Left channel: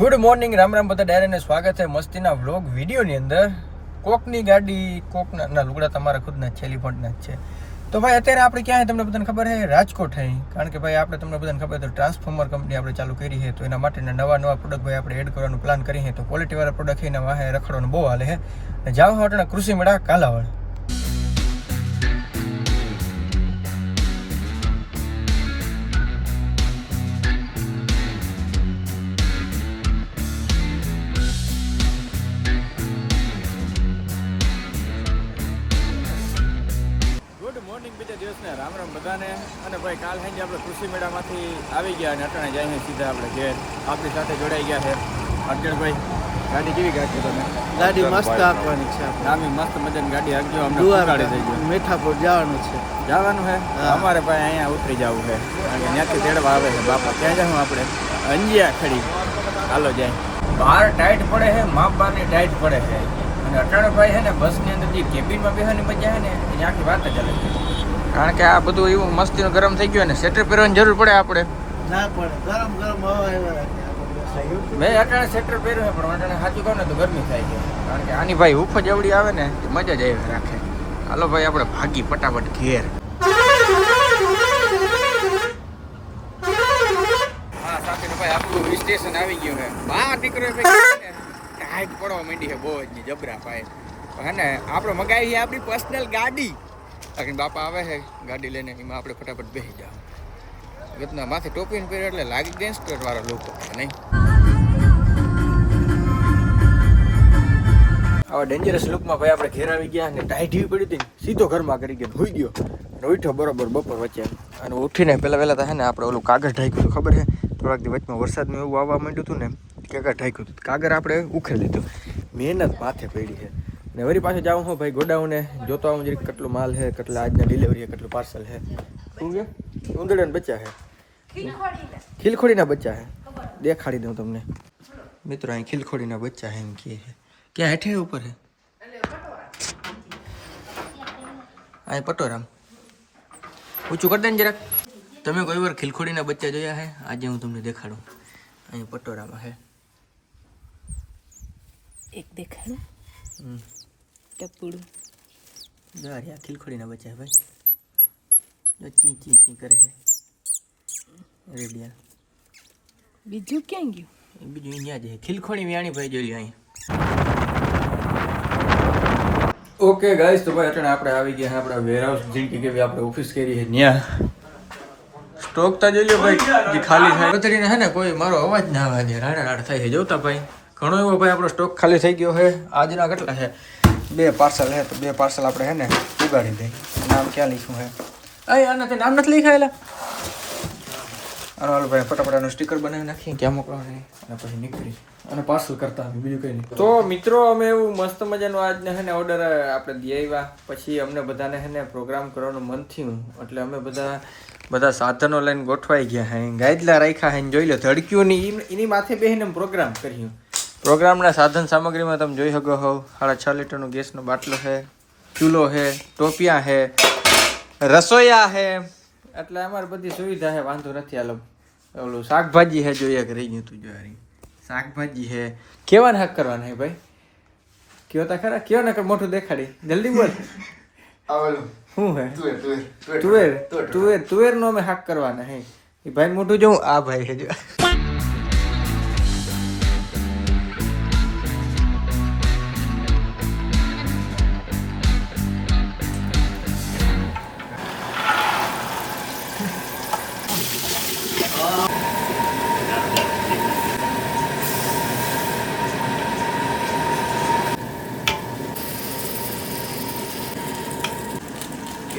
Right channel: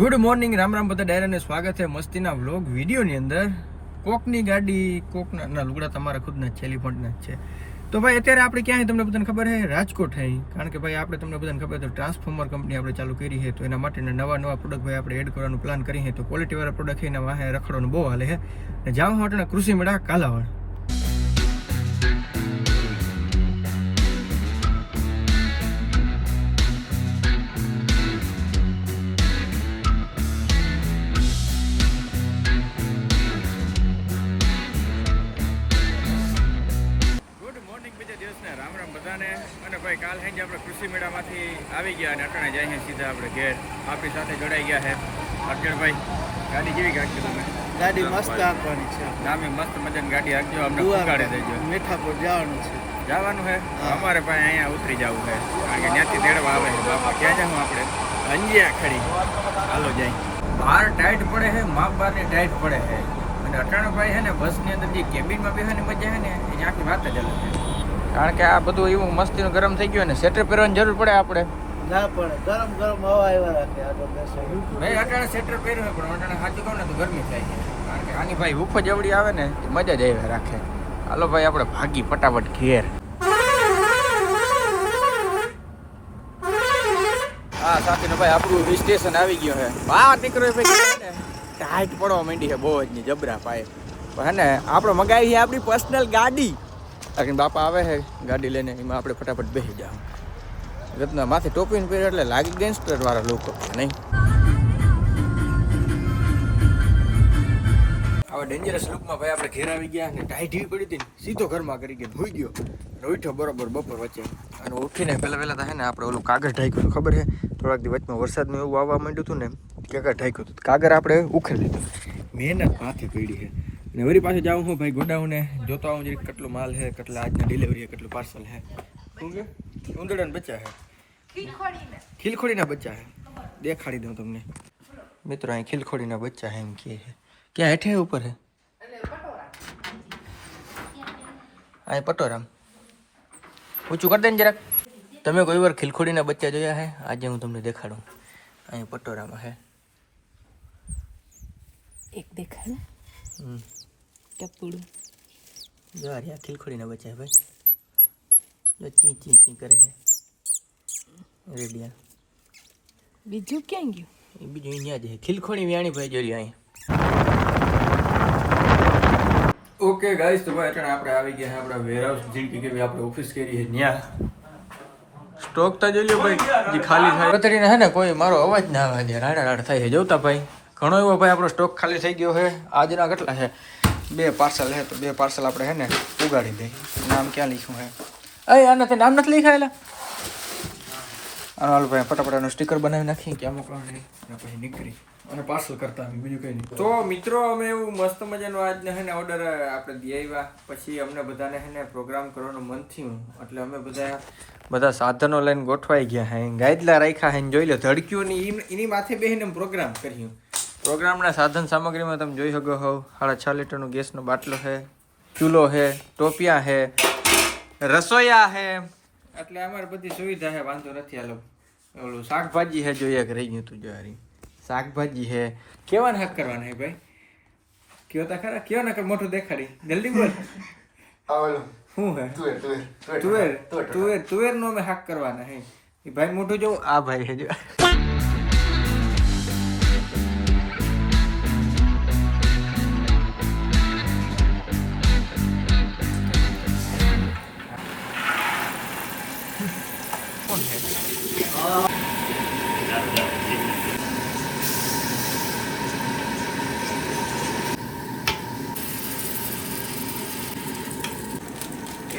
Good morning, Ram Ram બધા ડાયરાને સ્વાગત છે મસ્તીના વ્લોગ વિડીયોની અંદર. કોકની ગાડી કોકના લુગડા તમારા ખુદના જ છે, એલિફન્ટના જ છે. તો ભાઈ અત્યારે આપણે ક્યાં તમને બધાને ખબર છે? રાજકોટ છે. કારણ કે ભાઈ આપણે તમને બધાને ખબર તો ટ્રાન્સફોર્મર કંપની આપણે ચાલુ કરી છે, તો એના માટેના નવા પ્રોડક્ટ ભાઈ આપણે એડ કરવાનું પ્લાન કરી છે. તો ક્વોલિટીવાળા પ્રોડક્ટ છે એના વાહે રખડવાનું બહુ હાલે છે. અને જાવ હોટના કૃષિ મેળા કાલાવડ. રામ રામ બધાને. અને ભાઈ કાલ સાંજે આપણે કૃષિ મેળામાંથી આવી ગયા અને અટાણે જાય સીધા આપણે ઘેર. આપણી સાથે જોડાઈ ગયા છે અર્જણભાઈ. ગાડી કેવી ગાડી તમે? ગાડી મસ્ત આપવાની છે. નામી મસ્ત મજાની ગાડી આપજો. અમને પુગાડી દેજો. મીઠાપુર જવાનું છે. જવાનું છે અમારે ભાઈ અહીંયા ઉતરી જવું છે, કારણ કે ત્યાંથી તેડવા આવે છે બાપા. ક્યાં જાઉં આપણે? અંજિયા ખડી. હાલો જાય. બહાર ટાઈટ પડે છે, માપ બારની ટાઈટ પડે છે. અને અટાણે ભાઈ છે ને બસની અંદર જે કેબિનમાં બેસવાની મજા છે ને એની આખી વાત જ અલગ છે. કારણ કે આ બધું એવું મસ્તીનું ગરમ થઈ ગયું ને સ્વેટર પહેરવાની જરૂર પડે આપણે. ના પડે, ગરમ ગરમ હવા આવ્યા રાખે. મેં અટાણે સ્વેટર પહેર્યું પણ અટાણે સાચું કહું ને તો ગરમી થાય છે. કારણ કે આની ભાઈ હુફ જવડી આવે ને મજા જ આવે રાખે. હાલો ભાઈ આપણે ભાગી ફટાફટ ઘેર. હા સાથે ભાઈ આપણું સ્ટેશન આવી ગયો છે. બહાર નીકળ્યો ભાઈ ને ટાઈટ પડવા માંડી છે બહુ જ જબરા પાય. હે ને આપણે મગાવી છે આપણી પર્સનલ ગાડી. કારણ બાપા આવે છે ગાડી લઈને, એમાં આપણે ફટાફટ બેસી જાવ. રત્ના માથે ટોપીને પહેરે એટલે લાગી ગેંગસ્ટર વાળા લોકો નહીં. આવા ડેન્જરસ લુકમાં ભાઈ આપણે ઘેર આવી ગયા અને ટાઈટ એવી પડી હતી ને સીધો ઘરમાં કરી ગયો, હોઈ ગયો અને ઉઠ્યો બરોબર બપોર વચ્ચે. અને ઉઠીને પહેલાં તો હે ને આપણે ઓલું કાગળ ઢાંક્યું હતું, ખબર છે? થોડાક દી વચમાં વરસાદનું એવું આવવા માંડ્યું હતું ને, કાગળ ઢાંક્યું હતું. કાગળ આપણે ઉખેડી લીધું. મહેનત માથે પડી છે. ને વળી પાછું જાઉં હું ભાઈ ગોડાઉને જોતો આવું જરીક કેટલો માલ છે, કેટલા આજના ડિલિવરી છે, કેટલું પાર્સલ છે. શું કે ઉંદરડાના બચ્ચા છે, ખીલખોડીના બચ્ચા છે. દેખાડી દઉં તમને મિત્રો, અહીં ખીલખોડીના બચ્ચા છે એમ કહે છે. ક્યાં હેઠે ઉપર છે? અહીં પટોરામ ઊંચું કરી દે ને જરાક. તમે કોઈ વાર ખીલખોડીના બચ્ચા જોયા છે? આજે હું તમને દેખાડું. અહીં પટોરામાં છે એક દેખાય ટપુડું. જો આ ખીલખોડીના બચ્ચા ભાઈ, જો ચી ચી ચી કરે છે રેડિયા. બીજું ક્યાં ગયું? એ બીજું અહીંયા જ છે. ખીલખોડી વ્યાણી ભાઈ જોઈ અહીં. ઓકે ગાઈસ, તો ભાઈ અટાણે આપણે આવી ગયા આપણા વેરહાઉસ જેમ કે આપણે ઓફિસ કરી છે ત્યાં. સ્ટોક તા જોઈ લો ભાઈ જે ખાલી થાય પતરીને છે ને કોઈ મારો અવાજ ના આવે દે, રાડા રાડ થાય છે. જોતા ભાઈ ઘણો એવો ભાઈ આપણો સ્ટોક ખાલી થઈ ગયો છે. આજના કેટલા છે? 2 પાર્સલ છે, તો 2 પાર્સલ આપણે છે ને ઉગાડી દઈએ. નામ ક્યાં લખ્યું છે? આના તો નામ નથી લખાયેલા. આનો હાલ ભાઈ ફટાફટ સ્ટીકર બનાવી નાખીએ ક્યાં મોકલવાનું નહીં, અને પછી નીકળી અને પાર્સલ કરતા અમે બીજું કંઈ નહીં. તો મિત્રો અમે એવું મસ્ત મજાનો આજને છે ને ઓર્ડર આપણે દઈ આવ્યા. પછી અમને બધાને છે ને પ્રોગ્રામ કરવાનું મન થયું, એટલે અમે બધા સાધનો લઈને ગોઠવાઈ ગયા હે. ગાયદલા રાખ્યા હે, જોઈ લો ધડક્યું ની એની માથે બેસીને પ્રોગ્રામ કર્યું. પ્રોગ્રામના સાધન સામગ્રીમાં તમે જોઈ શકો છો 6.5 લીટરનો ગેસનો બાટલો છે, ચૂલો છે, ટોપિયા છે, રસોઈયા છે. એટલે અમારે બધી સુવિધા છે, વાંધો નથી. હાલો ઓલું શાકભાજી છે, જોઈએ કે રહી ગયું તું જો શાકભાજી છે. કેવા હક કરવાના હે ભાઈ? કયો તા ખરા, કયો ને મોટું દેખાડી જલ્દી બોલ. શું હે? તુવેર નો અમે હાક કરવાના હે. એ ભાઈ મોટું જોઉં આ ભાઈ છે જો.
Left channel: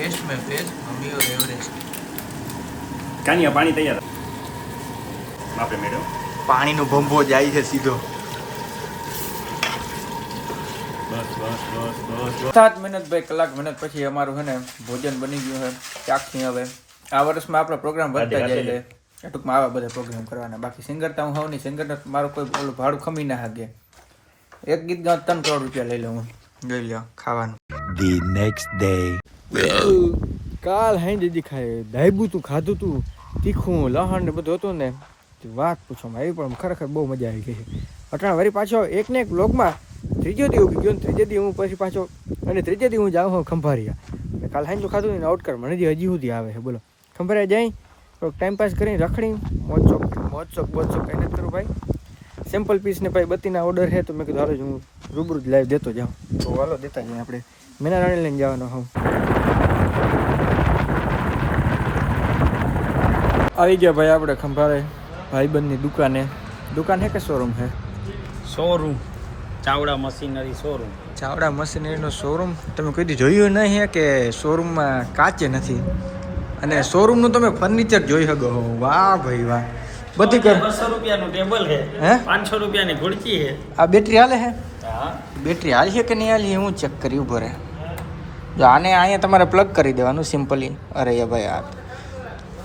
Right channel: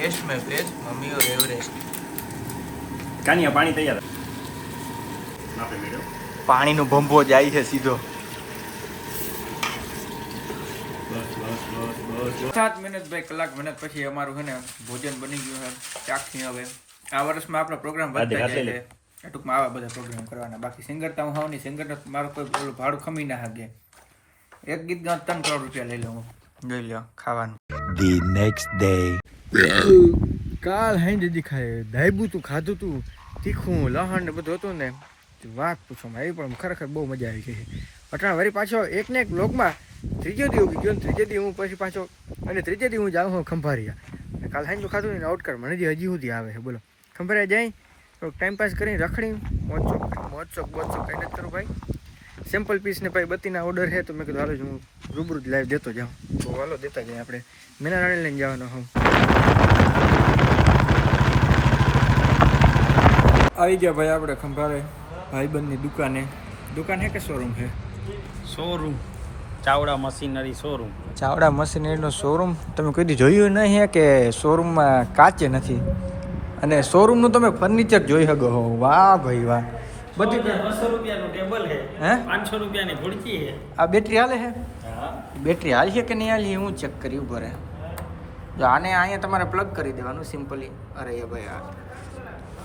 टेस्ट में फ्रेश मम्मी और एवरेस्ट. કાનિયા પાણી તૈયાર આપે મેડમ. પાણીનો ભંભો જાય છે સીધો. બસ 7 મિનિટ ભાઈ કલાક મહેનત પછી અમારું છે ને ભોજન બની ગયું છે. ચાખી હવે આ વર્ષમાં આપણો પ્રોગ્રામ વધતા જાય છે. ટૂંકમાં આવા બધા પ્રોગ્રામ કરવાના. બાકી સિંગર તો હું હોઉં નહીં, સિંગરને મારું કોઈ ઓલું ભાડું ખમી ના શકે. એક ગીત ગાઉં 3 કરોડ રૂપિયા લઈ લઉં. જોઈ લો ખાવાનું. The next day. કાલ હાઈ દીદી ખાય દાયબું તું ખાધું તું તીખું લહણ ને બધું હતું ને, વાત પૂછવામાં આવી પણ ખરેખર બહુ મજા આવી ગઈ અટાણા વળી પાછો એક ને એક બ્લોગમાં ત્રીજો દી ઉગી ગયો ને ત્રીજે દી હું પછી પાછો અને ત્રીજે દી હું જાઉં હું ખંભારિયા કાલ હાઈ તો ખાધું ને આઉટ કર મને હજી સુધી આવે છે બોલો ખંભારિયા જઈ થોડોક ટાઈમ પાસ કરીને રખડી મોજ ચોક કંઈ નથી કરું ભાઈ સિમ્પલ પીસ ને ભાઈ બત્તીના ઓર્ડર છે તો મેં કીધું હાલો હું રૂબરૂ જ લાઈવ દેતો જાઉં તો હાલો દેતા જઈએ આપણે મેના રાણી લઈને જવાનો હું આવી ગયા ભાઈ આપણે ખંભારે ભાઈબંધની દુકાન હે કે શોરૂમ છે showroom Chavda machinery showroom Chavda મશીનરીનો શોરૂમ તમે કોઈ દી જોયું નહીં હે કે શોરૂમમાં કાચે નથી અને શોરૂમનું તમે ફર્નિચર જોઈ શકો હો વાહ ભાઈ વાહ બધી કર 200 રૂપિયાનું ટેબલ છે હે 500 રૂપિયાની ખુરચી છે આ બેટરી હાલે હે હા બેટરી હાલ છે કે નહીં હાલ છે હું ચેક કરી ઉભો રહે જો આને અહીંયા તમારે પ્લગ કરી દેવાનું સિમ્પલી અરે ભાઈ આ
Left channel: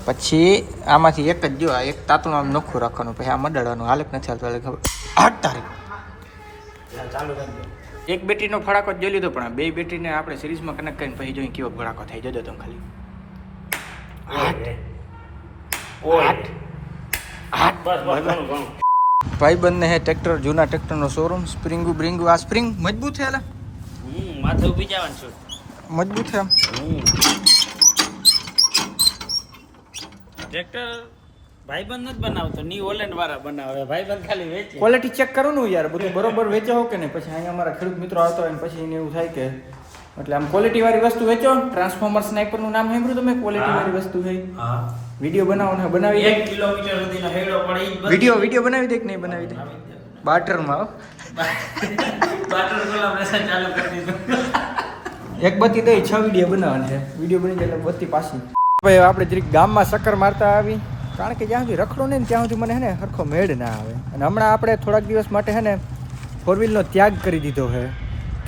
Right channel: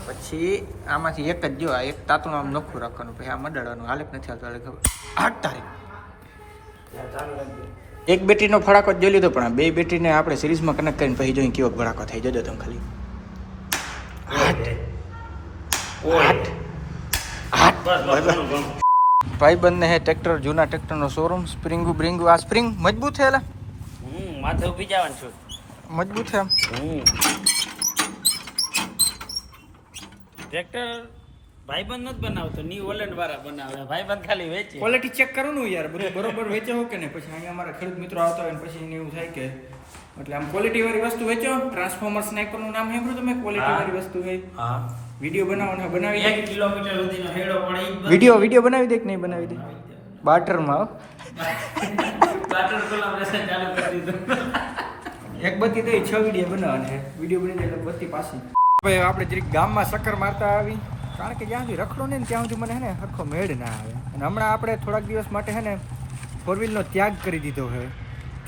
પછી આમાંથી એક જ જો આ એક તાતણું આમ નોખું રાખવાનું પછી આ મડાડવાનું હાલે કે નથી હાલતું હાલે ખબર 8 તારીખ એક બેટરીનો ફડાકો જ જોઈ લીધો પણ આ બે બેટરીને આપણે સિરીઝમાં કનેક્ટ કરીને પછી જોઈએ કેવો ફડાકો થઈ જજો તમે ખાલી 8 ભાઈબંધને હે ટ્રેક્ટર જૂના ટ્રેક્ટરનો શોરૂમ સ્પ્રિંગુ આ સ્પ્રિંગ મજબૂત છે એલા માથે ઊભી જવાનું છું મજબૂત છે આમ ટ્રેક્ટર ભાઈબંધ નથી બનાવતો ની ઓલેન્ડ વાળા બનાવે ભાઈબંધ ખાલી વેચે ક્વોલિટી ચેક કરો ને યાર બધું બરોબર વેચો હો કે નહીં પછી અહીંયા અમારા ખેડૂત મિત્રો આવતા હોય ને પછી એને એવું થાય કે એટલે આમ ક્વોલિટી વાળી વસ્તુ વેચો ટ્રાન્સફોર્મર સ્નાઈપરનું નામ સાંભળ્યું તમે ક્વોલિટી વાળી વસ્તુ હોય હા વિડીયો બનાવવાના બનાવી દે 1 કિલોમીટર સુધીનો હેડો પડે ઈ જ વિડીયો બનાવી દે કે નહીં બનાવી દે બાટરમાં બાટર કોલાબરેશન ચાલુ કરી દીધું એક બત્તી દઈ 6 વિડીયો બનાવવાના છે વિડીયો બની જાય એટલે બત્તી પાછી ભાઈ આપણે જરીક ગામમાં ચક્કર મારતા આવી કારણ કે જ્યાં સુધી રખડો ને ત્યાં સુધી મને હે ને સરખો મેળ ના આવે અને હમણાં આપણે થોડાક દિવસ માટે હે ને 4 વ્હીલનો ત્યાગ કરી દીધો છે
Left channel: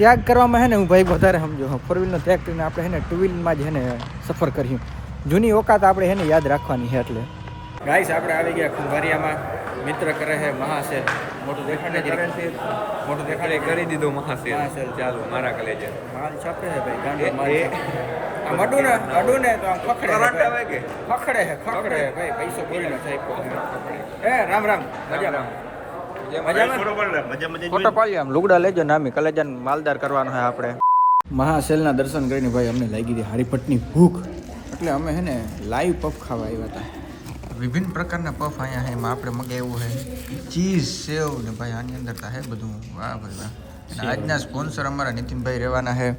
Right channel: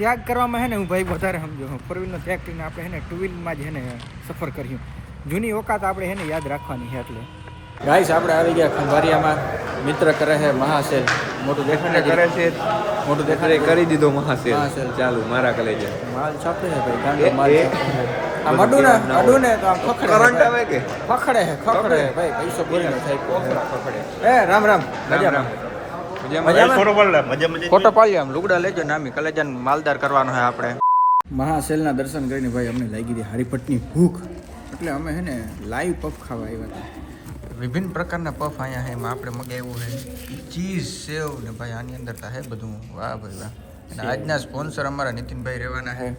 ત્યાગ કરવામાં હે ને હું ભાઈ વધારે સમજો 4 વ્હીલનો ત્યાગ કરીને આપણે હે ને 2 વ્હીલમાં જ હે ને સફર કર્યું જૂની ઓકાત આપણે હે ને યાદ રાખવાની છે એટલે ગાઈસ આપણે આવી ગયા ખંભારિયામાં મિત્ર કરે છે મહાસેલ મોટું દેખાડે કરી દીધો મહાસેલ મહાસેલ ચાલુ મારા કલેજે માલ છાપે છે ભાઈ ગાંડો માલ છાપે છે. આ અડું ને તો આમ ખખડે છે ભાઈ. ખખડે છે ભાઈ પૈસો બોરીનો થાય એ રામ મજામાં ફોટો પાડ્યો આમ લુગડા લેજો નામી કલેજાન માલદાર કરવાનો છે આપણે મહાસેલના દર્શન કરીને ભાઈ અમને લાગી હતી હારીપટની ભૂખ એટલે અમે હે ને લાઈવ પફ ખાવા આવ્યા હતા વિભિન્ન પ્રકારના પફ અહીંયા છે એમાં આપણે મગાવ્યું છે ચીઝ સેવ ને ભાઈ આની અંદર તો છે બધું વાહ ભાઈ વાહ અને આજના સ્પોન્સર અમારા નીતિનભાઈ રહેવાના છે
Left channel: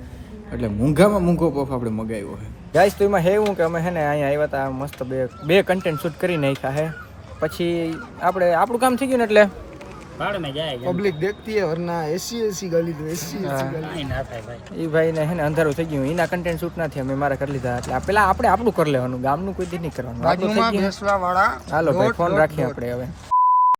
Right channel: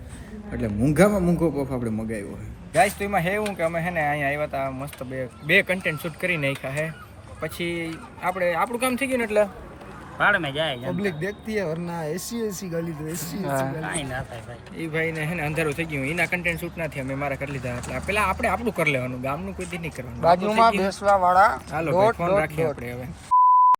એટલે મૂંઘામાં મૂંઘો પફ આપણે મગાવ્યો છે ગાઈસ તો એમાં એવું કે અમે છે ને અહીંયા આવ્યા હતા મસ્ત બે કન્ટેન્ટ શૂટ કરી નાખ્યા છે પછી આપણું કામ થઈ ગયું ને એટલે ભાડ में જાય पब्लिक देखती है वरना ऐसी गाली दो ऐसी गाली ના થાય ભાઈ એ ભાઈને હે ને અંધારું થઈ ગયું એના કન્ટેન્ટ શૂટ ના થયા અમે મારા કરી લીધા એટલે પેલા આપણે આપણું કરી લેવાનું ગામનું કોઈ દી નહીં કરવાનું બાજુમાં બેસવા વાળા હાલો ભાઈ ફોન રાખીએ આપણે હવે